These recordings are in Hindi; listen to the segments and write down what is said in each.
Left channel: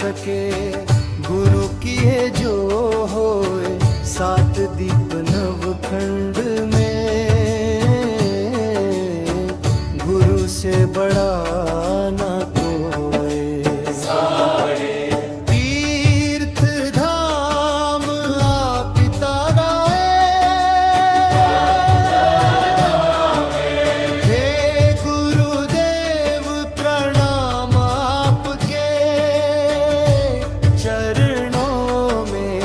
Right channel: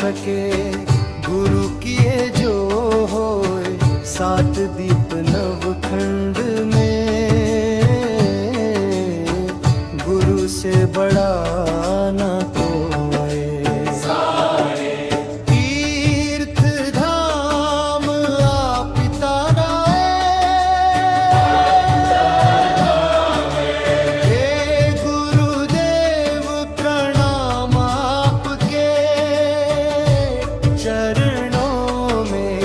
सके गुरु किए जो होए, 7 दीप नवखंड में गुरु से बड़ा ना कोई। तीर्थ धाम आप पिता हे गुरुदेव प्रणाम आपके चरणों में।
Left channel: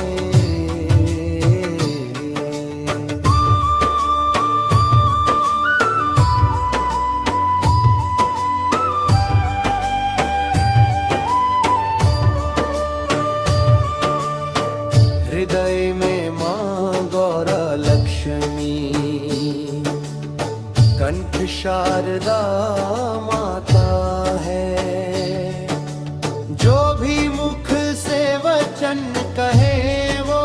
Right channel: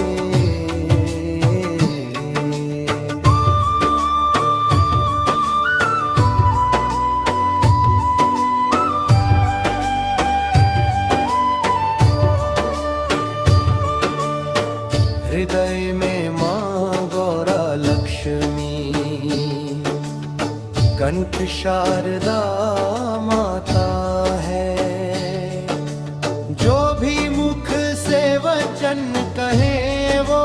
हृदय में माँ गौरा लक्ष्मी, कंठ शारदा माता है। जो भी मुख से वचन कहे वो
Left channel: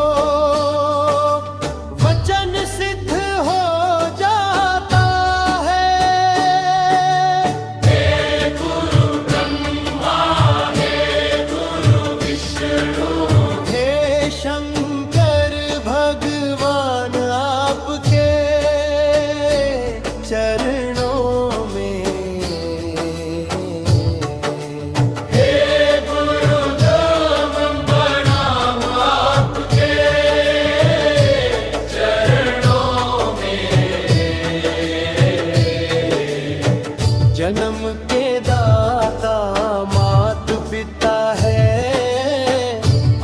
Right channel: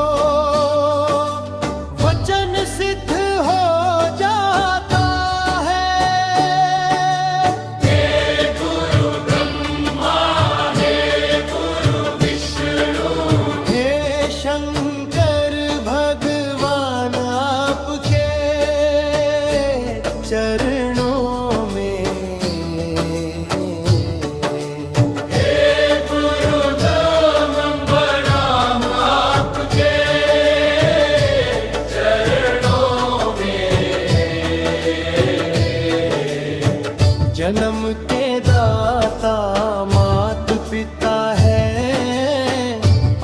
वचन सिद्ध हो जाता है। हे गुरु ब्रह्मा, हे गुरु विष्णु, हे शंकर भगवान आपके चरणों में। हे गुरुदेव प्रणाम आपके चरणों में। जन्म के दाता मात पिता है,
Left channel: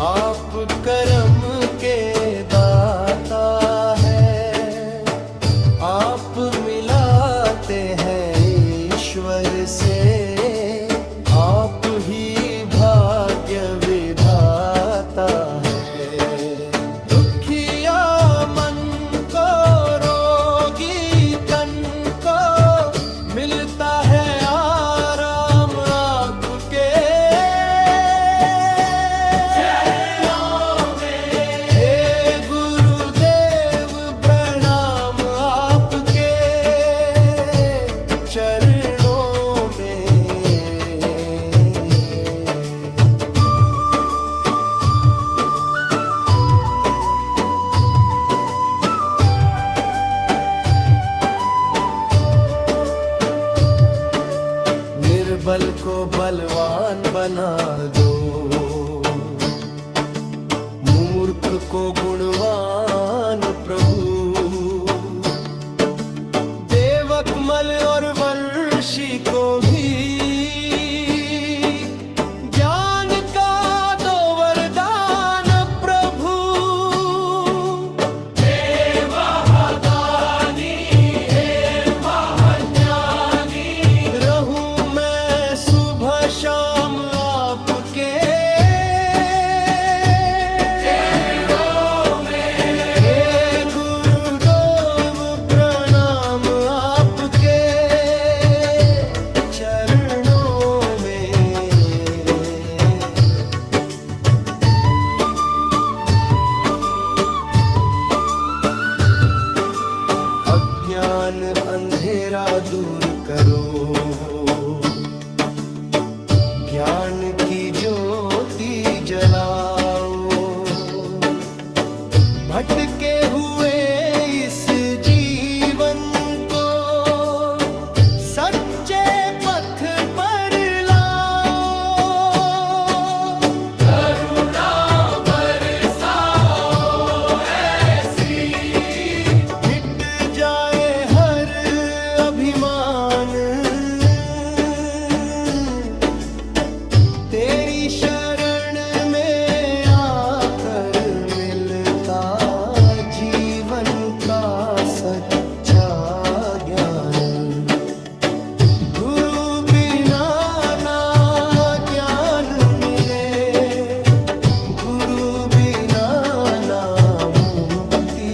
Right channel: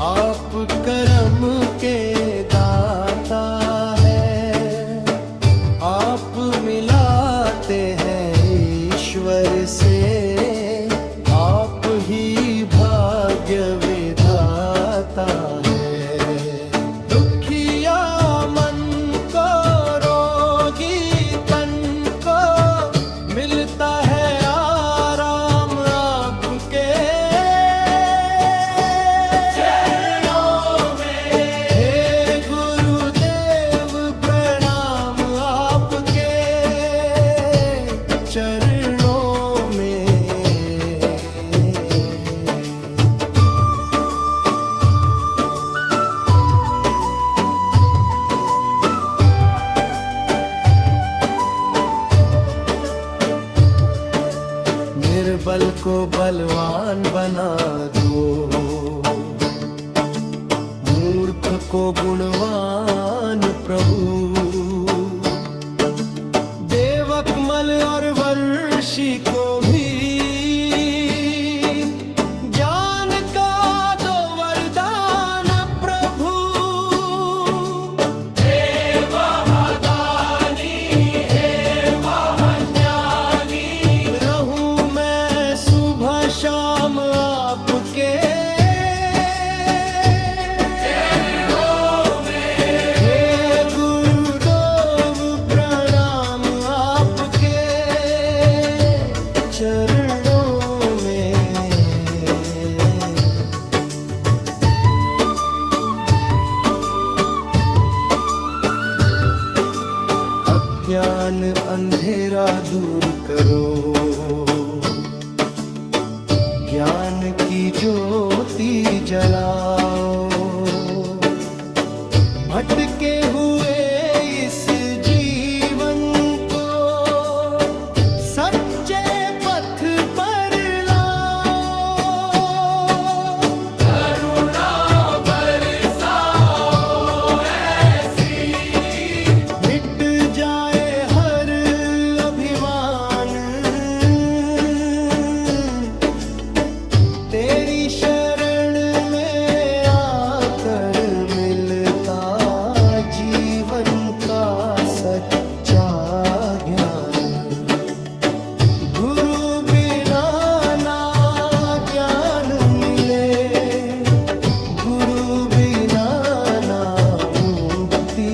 आप कर्म के दाता है। आप मिलाते हैं ईश्वर से, आप ही भाग्य विधाता है। दुखिया मन को, रोगी तन को मिलता है आराम आपके। हे गुरुदेव प्रणाम आपके चरणों में। निर्बल को बलवान बना दो, मूर्ख को गुणवान प्रभु। देवकमल और वर्षी को भी ज्ञान का दो वरदान प्रभु। हे महादानी, हे महाज्ञानी, रहूं मैं सुबह शाम आपके। हे गुरुदेव प्रणाम आपके चरणों में। अज्ञान अंधेरा दूर करो, ज्ञान की ज्योति जलाओ। भटके हुए इस जीवन को सच्चे पथ पर लाओ। करुणा बरसाओ ऐसी, मिट जाए हर अभिमान। तेरी शरण में आकर मिलता जीवन का सच्चा ज्ञान। गुरु बिना ना ज्ञान मिले, गुरु बिना ना मुक्ति।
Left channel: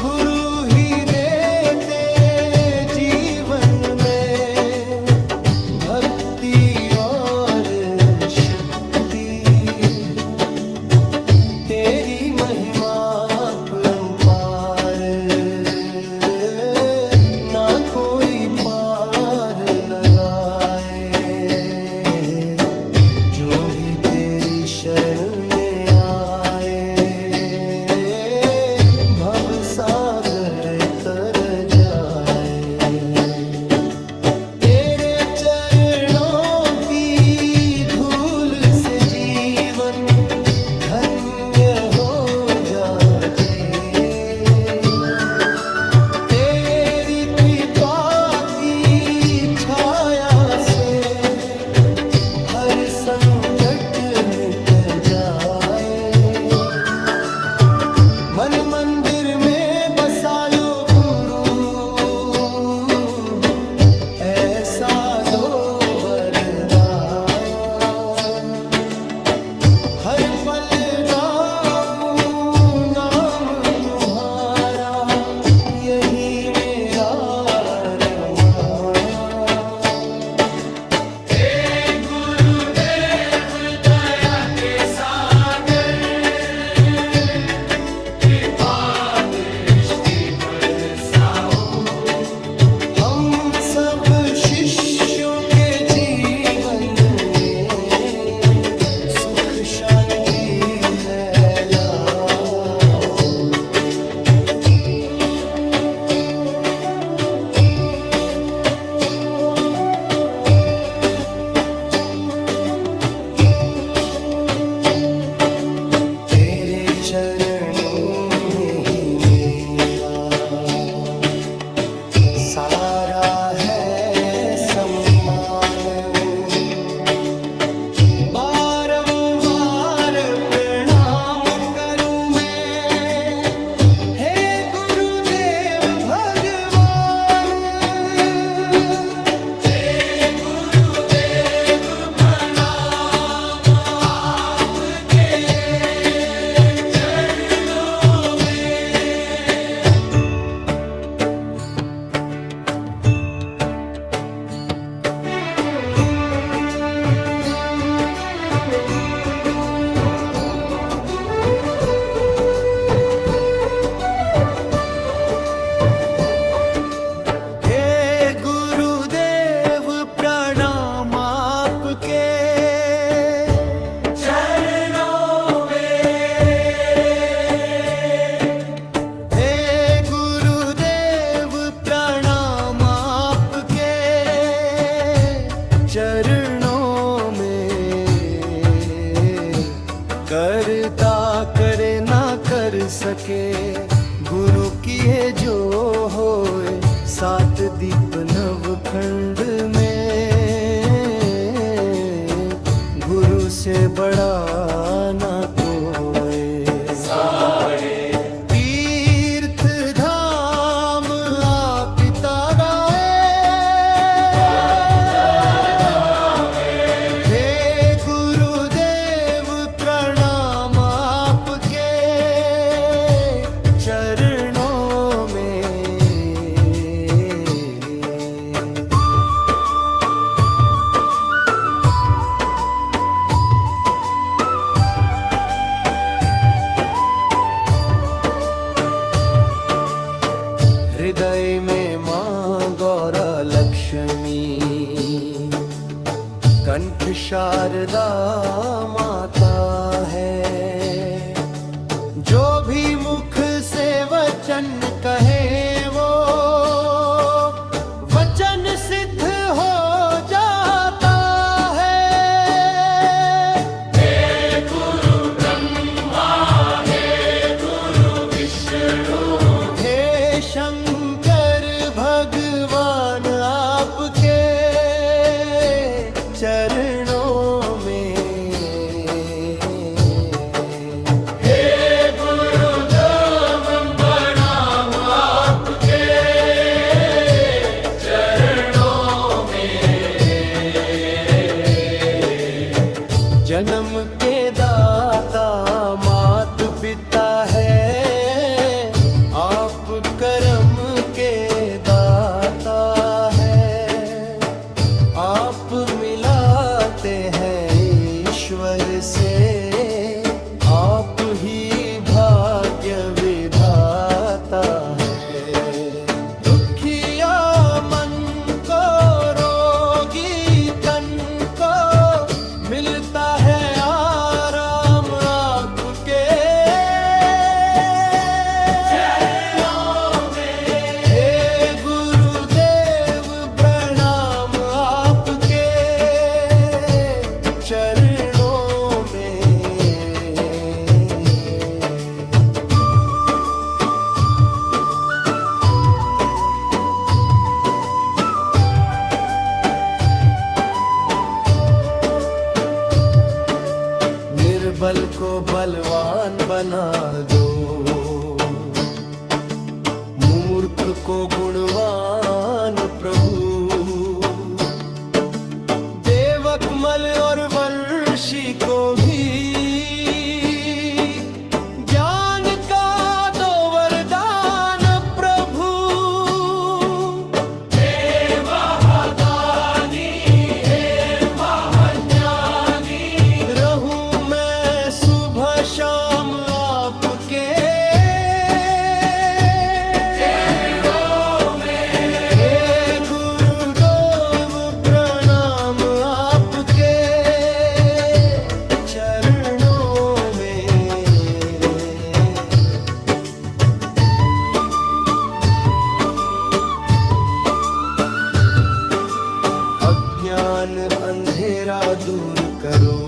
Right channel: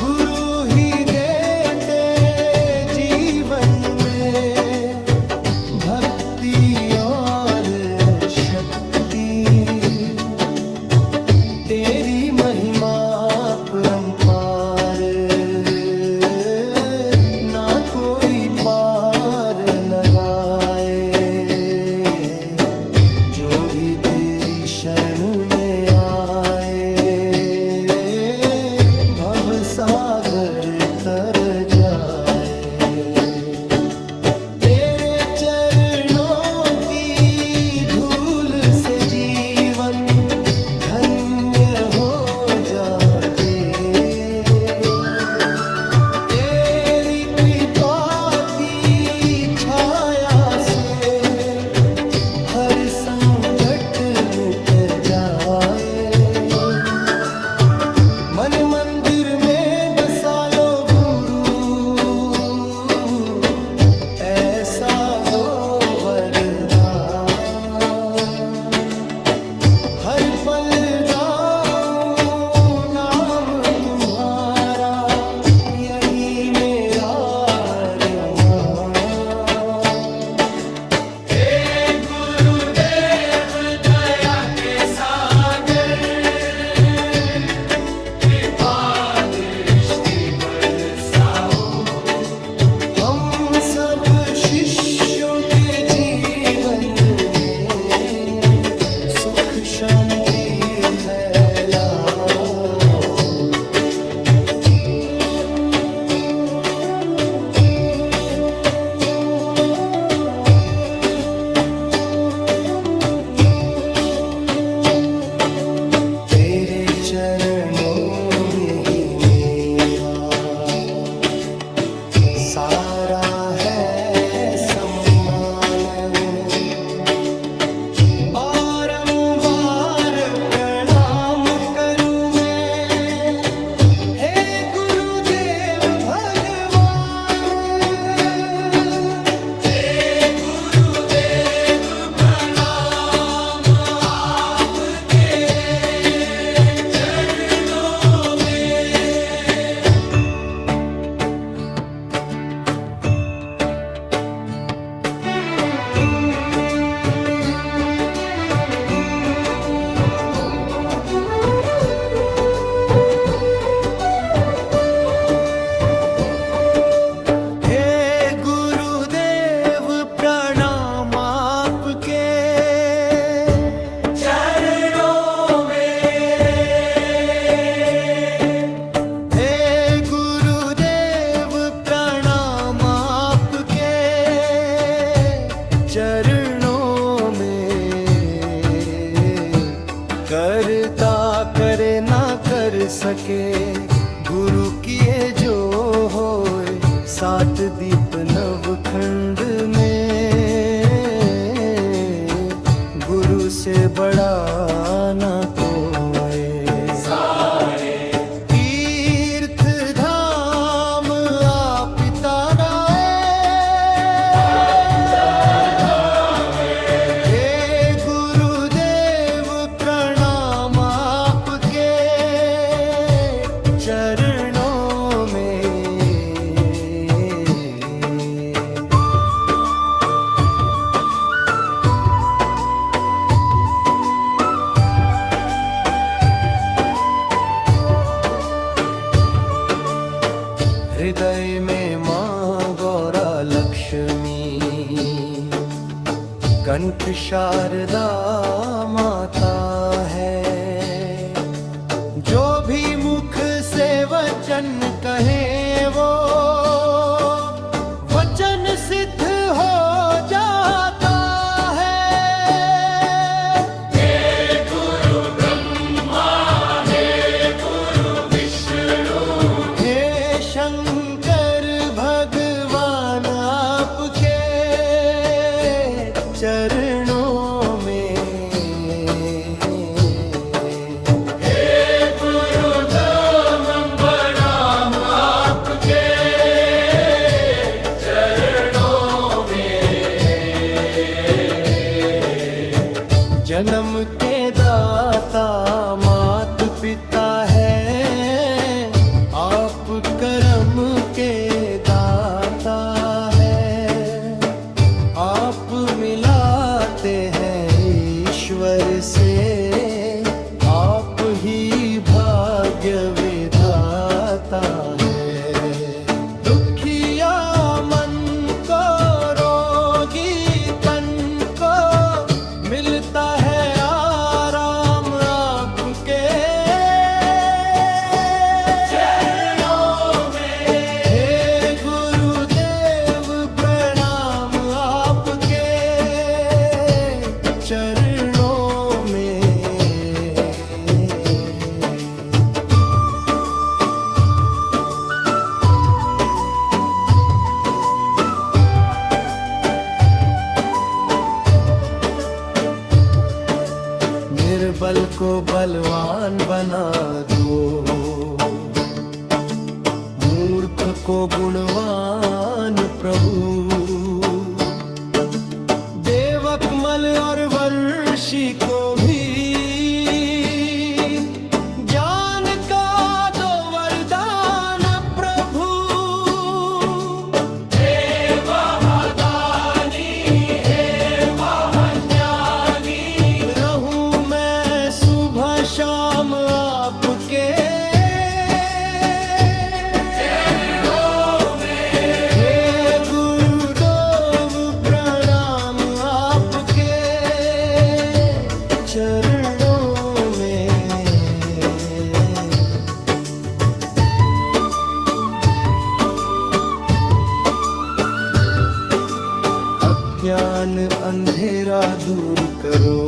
गुरु ही देते जीवन में भक्ति और शक्ति। तेरी महिमा परंपार, ना कोई पार लगाए। जो भी तेरी शरण में आए भव सागर तर जाए। तेरे चरणों की धूल से जीवन धन्य हो जाए। तेरी कृपा की छाया से हर संकट मिट जाए। मन मंदिर में बसा लो गुरु, ऐसा दो वरदान। हर पल गाऊं नाम तुम्हारा, यही मेरा अरमान। हम सब शिष्यों के जीवन में सुख शांति फैलाओ। तेरे चरणों में ही मेरा सारा है सम्मान। बारंबार प्रणाम करूं मैं, हे गुरुदेव भगवान। हे गुरुदेव प्रणाम आपके चरणों में। चरणों में करता करे ना कर सके, गुरु किए जो होए। सात दीप नवखंड में गुरु से बड़ा ना कोई। तीर्थ धाम आप पिता चरणों में। हृदय में माँ गौरा लक्ष्मी, कंठ शारदा माता है। जो भी मुख से वचन कहे वो वचन सिद्ध हो जाता है। हे गुरु ब्रह्मा, हे गुरु विष्णु, हे शंकर भगवान आपके चरणों में। जन्म के दाता मात पिता है, आप कर्म के दाता है। आप मिलाते हैं ईश्वर से, आप ही भाग्य विधाता है। दुखिया मन को, रोगी तन को मिलता निर्बल को बलवान बना दो, मूर्ख को गुणवान प्रभु। बेवकमल और वर्षी को भी ज्ञान का दो वरदान प्रभु। हे महादानी, हे महाज्ञानी, रहूं मैं सुबह शाम आपके चरणों में। हे गुरुदेव प्रणाम आपके चरणों में। अज्ञान अंधेरा दूर करो,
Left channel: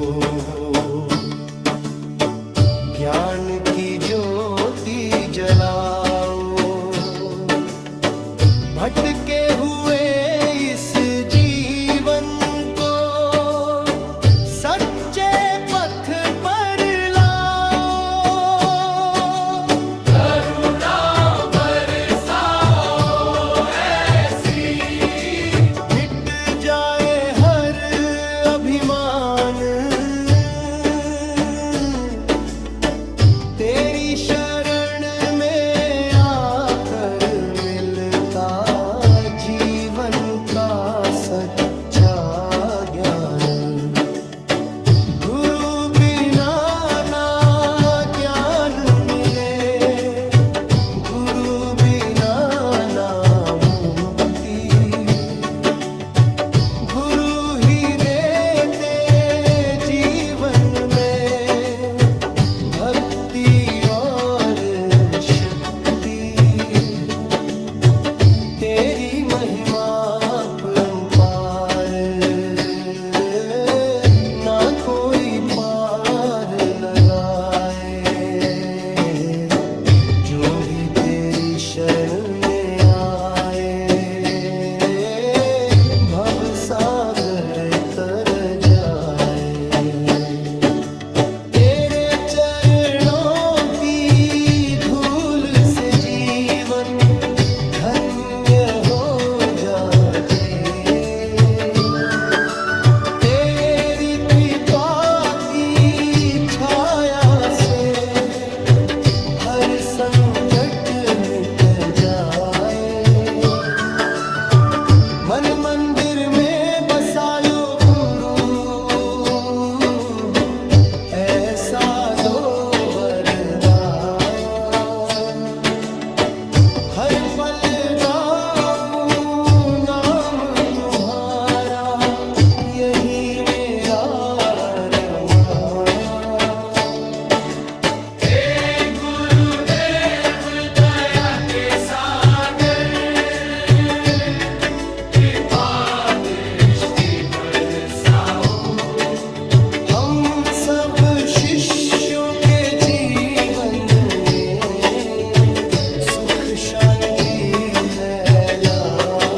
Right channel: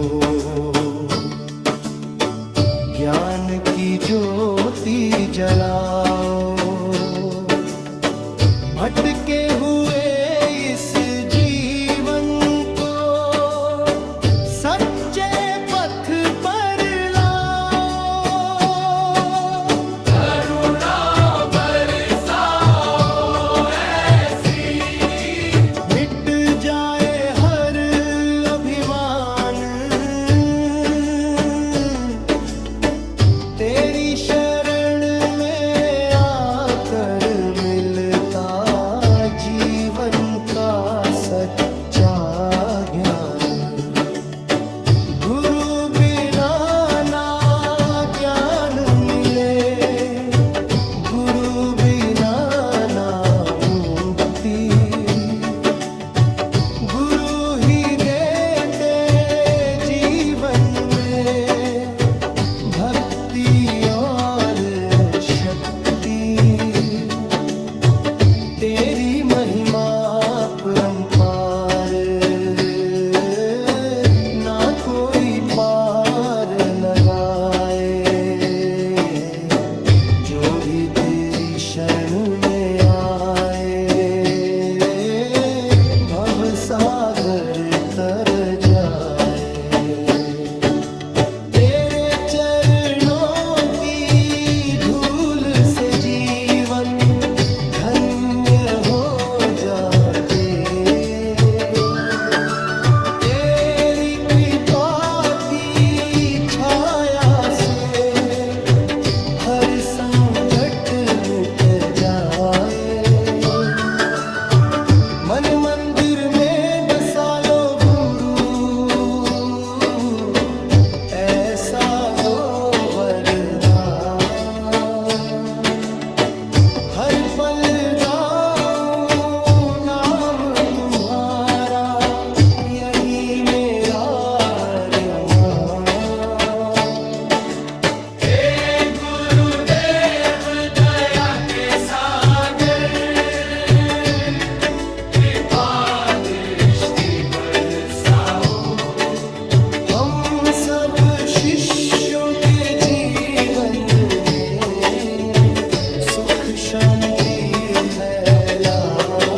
ज्ञान की ज्योति जलाओ। भटके हुए इस जीवन को सच्चे पथ पर लाओ। करुणा बरसाओ ऐसी, मिट जाए हर अभिमान। तेरी शरण में आकर मिलता जीवन का सच्चा ज्ञान। गुरु बिना ना ज्ञान मिले, गुरु बिना ना मुक्ति। गुरु ही देते जीवन में भक्ति और शक्ति। तेरी महिमा परंपार, ना कोई पार लगाए। जो भी तेरी शरण में आए, भव सागर तर जाए। तेरे चरणों की धूल से जीवन धन्य हो जाते। तेरी कृपा की छाया से हर संकट मिट जाए। मन मंदिर में बसा लो गुरु, ऐसा दो वरदान। हर पल गाऊं नाम तुम्हारा, यही मेरा अरमान। हे गुरुदेव दया के सागर, कृपा दृष्टि बरसाओ। हम सब शिष्यों के जीवन में सुख शांति फैलाओ।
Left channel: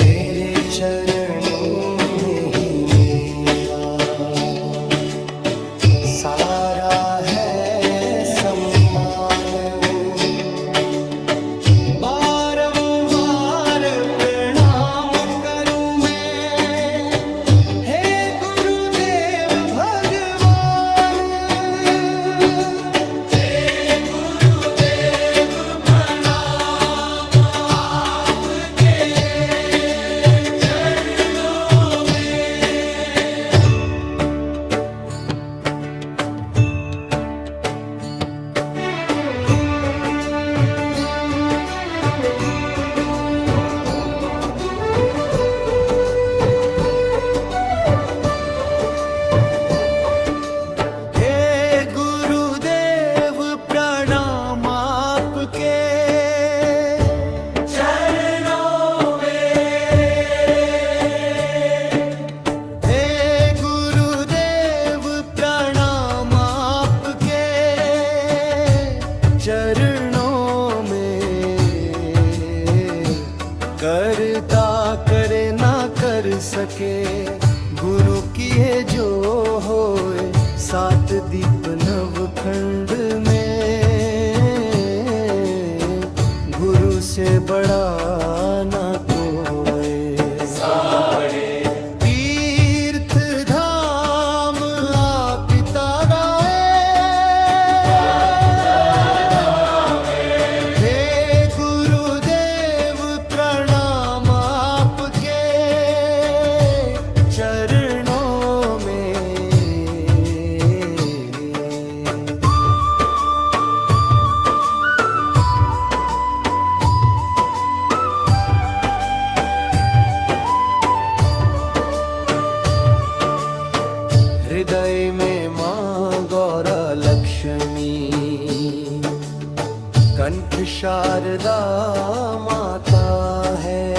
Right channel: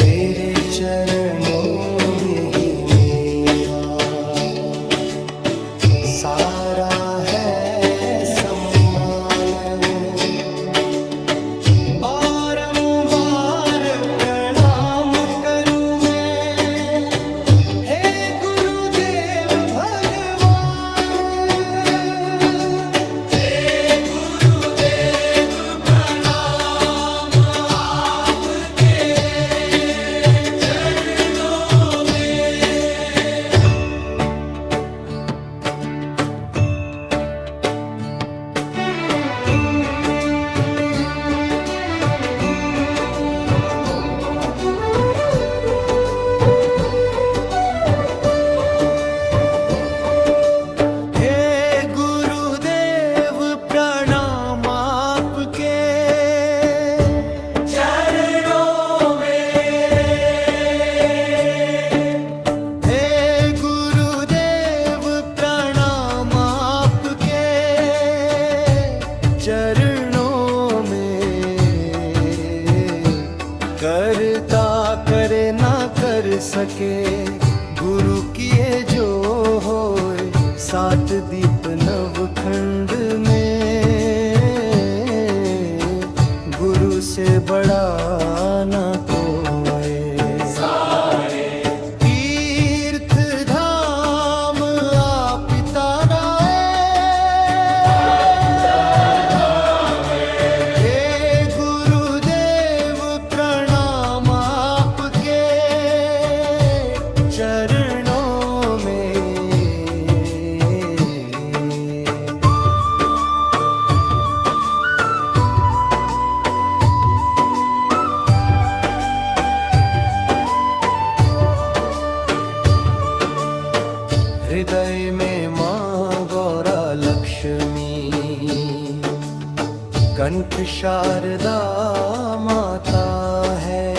तेरे चरणों में ही मेरा सारा है सम्मान। बारंबार प्रणाम करूं मैं, हे गुरुदेव भगवान। हे गुरुदेव प्रणाम आपके चरणों में। चरणों में। करता करे ना कर सके, गुरु किए जो होए, सात दीप नवखंड में। गुरु से बड़ा ना कोई। तीर्थ धाम आप पिता गाए, हे गुरुदेव प्रणाम आपके चरणों में। हृदय में माँ गौरा लक्ष्मी, कंठ शारदा माता है।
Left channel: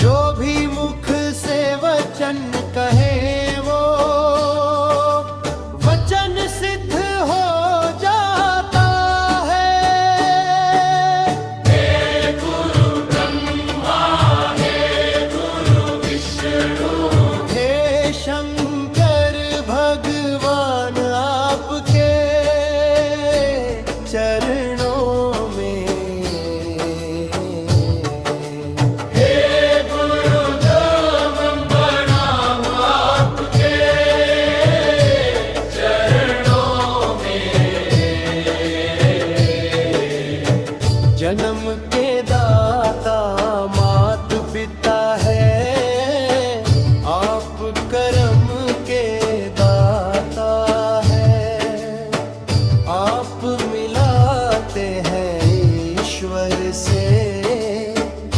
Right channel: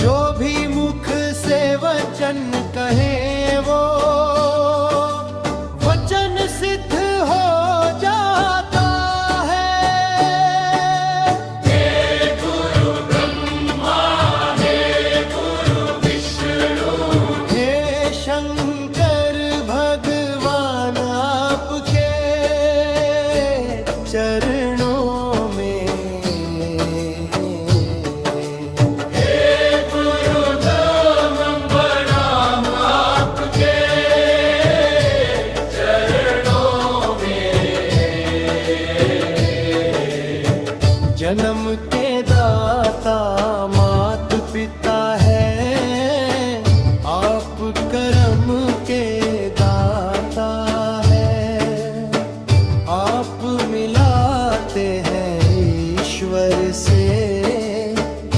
जो भी मुख से वचन कहे वो वचन सिद्ध हो जाता है। हे गुरु ब्रह्मा, हे गुरु विष्णु, हे शंकर भगवान आपके चरणों में। हे गुरुदेव प्रणाम आपके चरणों में। जन्म के दाता मात पिता है, आप कर्म के दाता है। आप मिलाते हैं ईश्वर से,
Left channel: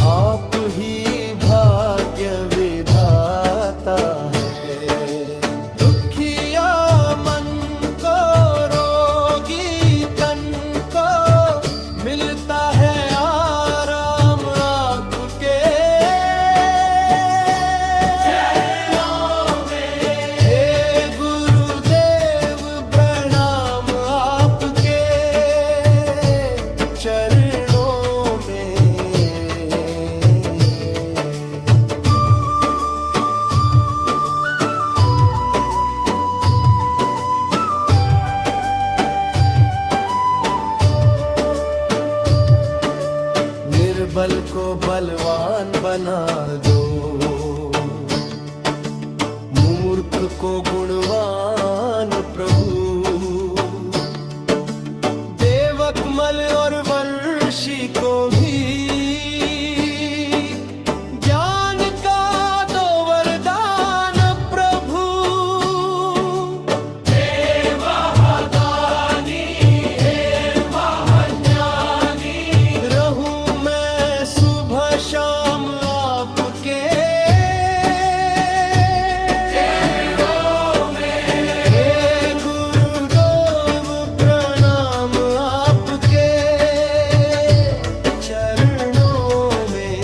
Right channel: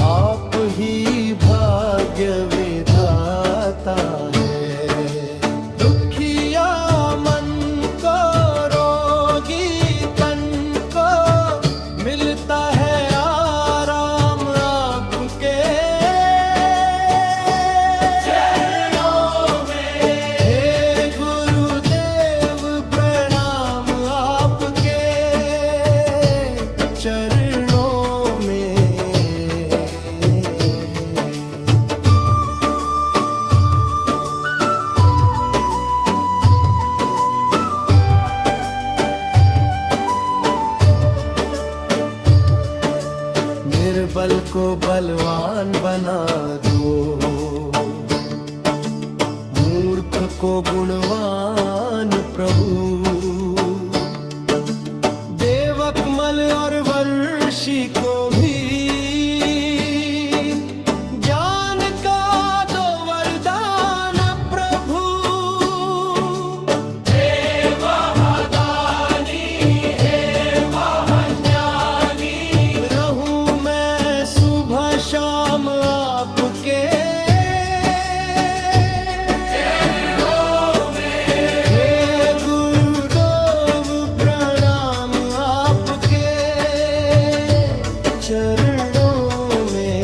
आप ही भाग्य विधाता है। दुखिया मन को, रोगी तन को, मिलता है आराम आपके चरणों में। हे गुरुदेव प्रणाम आपके चरणों में। निर्बल को बलवान बना दो, मूर्ख को गुणवान प्रभु। देवकमल और वर्षी को भी ज्ञान का दो वरदान प्रभु। हे महादानी, हे महाज्ञानी, रहूं मैं सुबह शाम आपके चरणों में। हे गुरुदेव प्रणाम आपके चरणों में।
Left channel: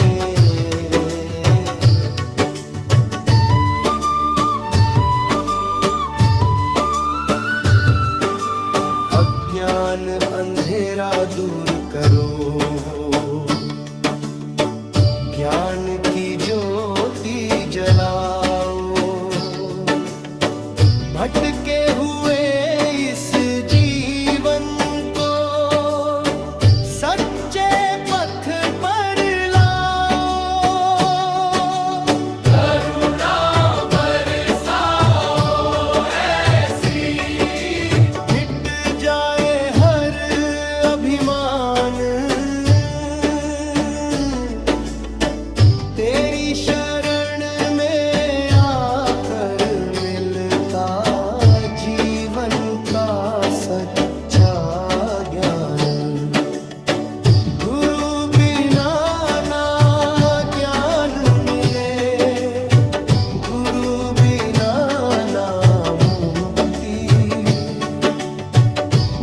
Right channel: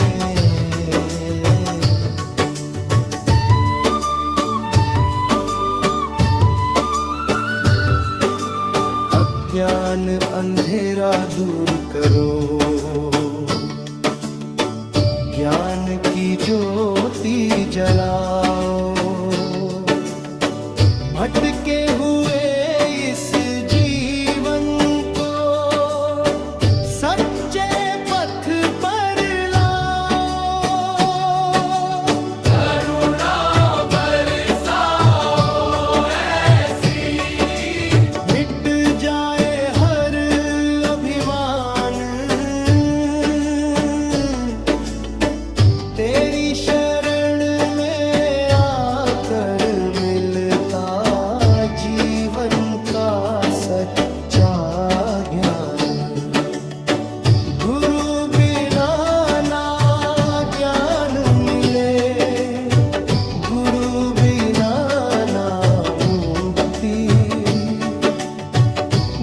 अज्ञान अंधेरा दूर करो, ज्ञान की ज्योति जलाओ। भटके हुए इस जीवन को सच्चे पथ पर लाओ। करुणा बरसाओ ऐसी, मिट जाए हर अभिमान। तेरी शरण में आकर मिलता जीवन का सच्चा ज्ञान। गुरु बिना ना ज्ञान मिले, गुरु बिना ना मुक्ति।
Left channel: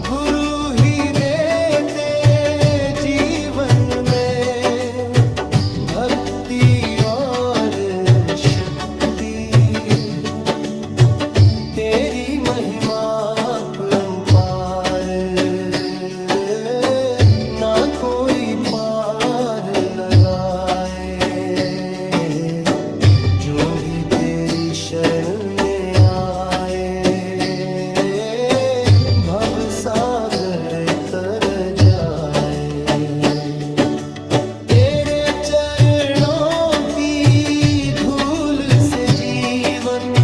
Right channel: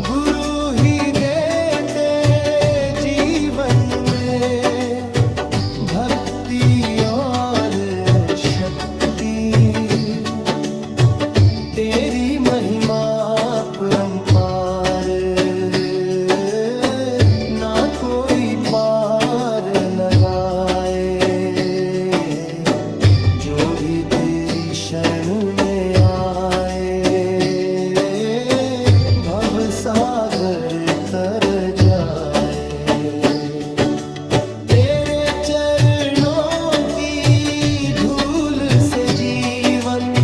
गुरु ही देते जीवन में भक्ति और शक्ति। तेरी महिमा परंपार, ना कोई पार लगाए। जो भी तेरी शरण में आए, भव सागर तर जाए। तेरे चरणों की धूल से जीवन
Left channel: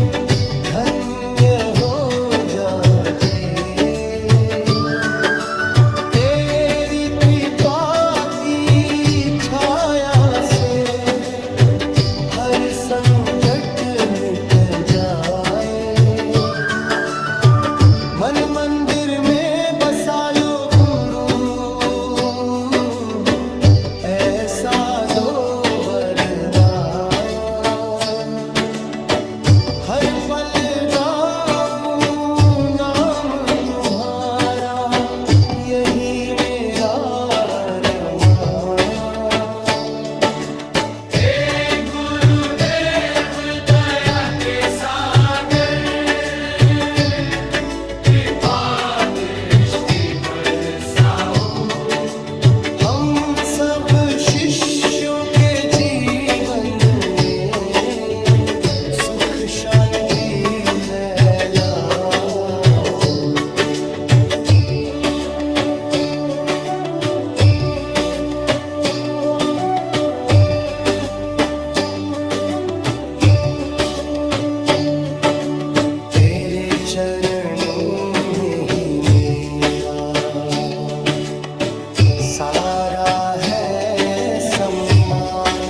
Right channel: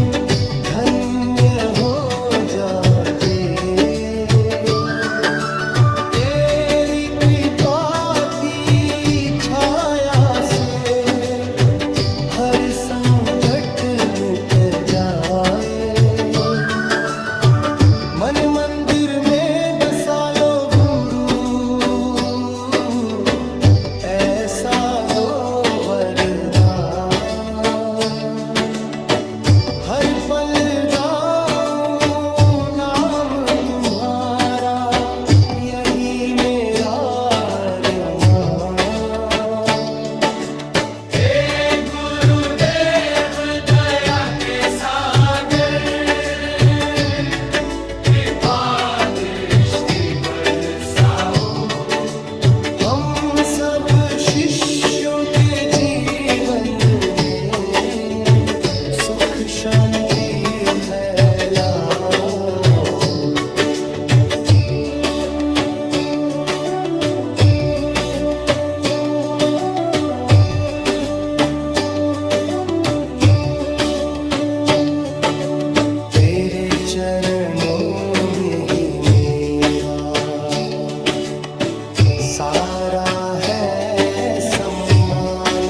धन्य हो जाते। तेरी कृपा की छाया से हर संकट मिट जाए। मन मंदिर में बसा लो गुरु, ऐसा दो वरदान। हर पल गाऊं नाम तुम्हारा, यही मेरा अरमान। हे गुरुदेव दया के सागर, कृपा दृष्टि बरसाओ। हम सब शिष्यों के जीवन में सुख शांति फैलाओ। तेरे चरणों में ही मेरा सारा है सम्मान।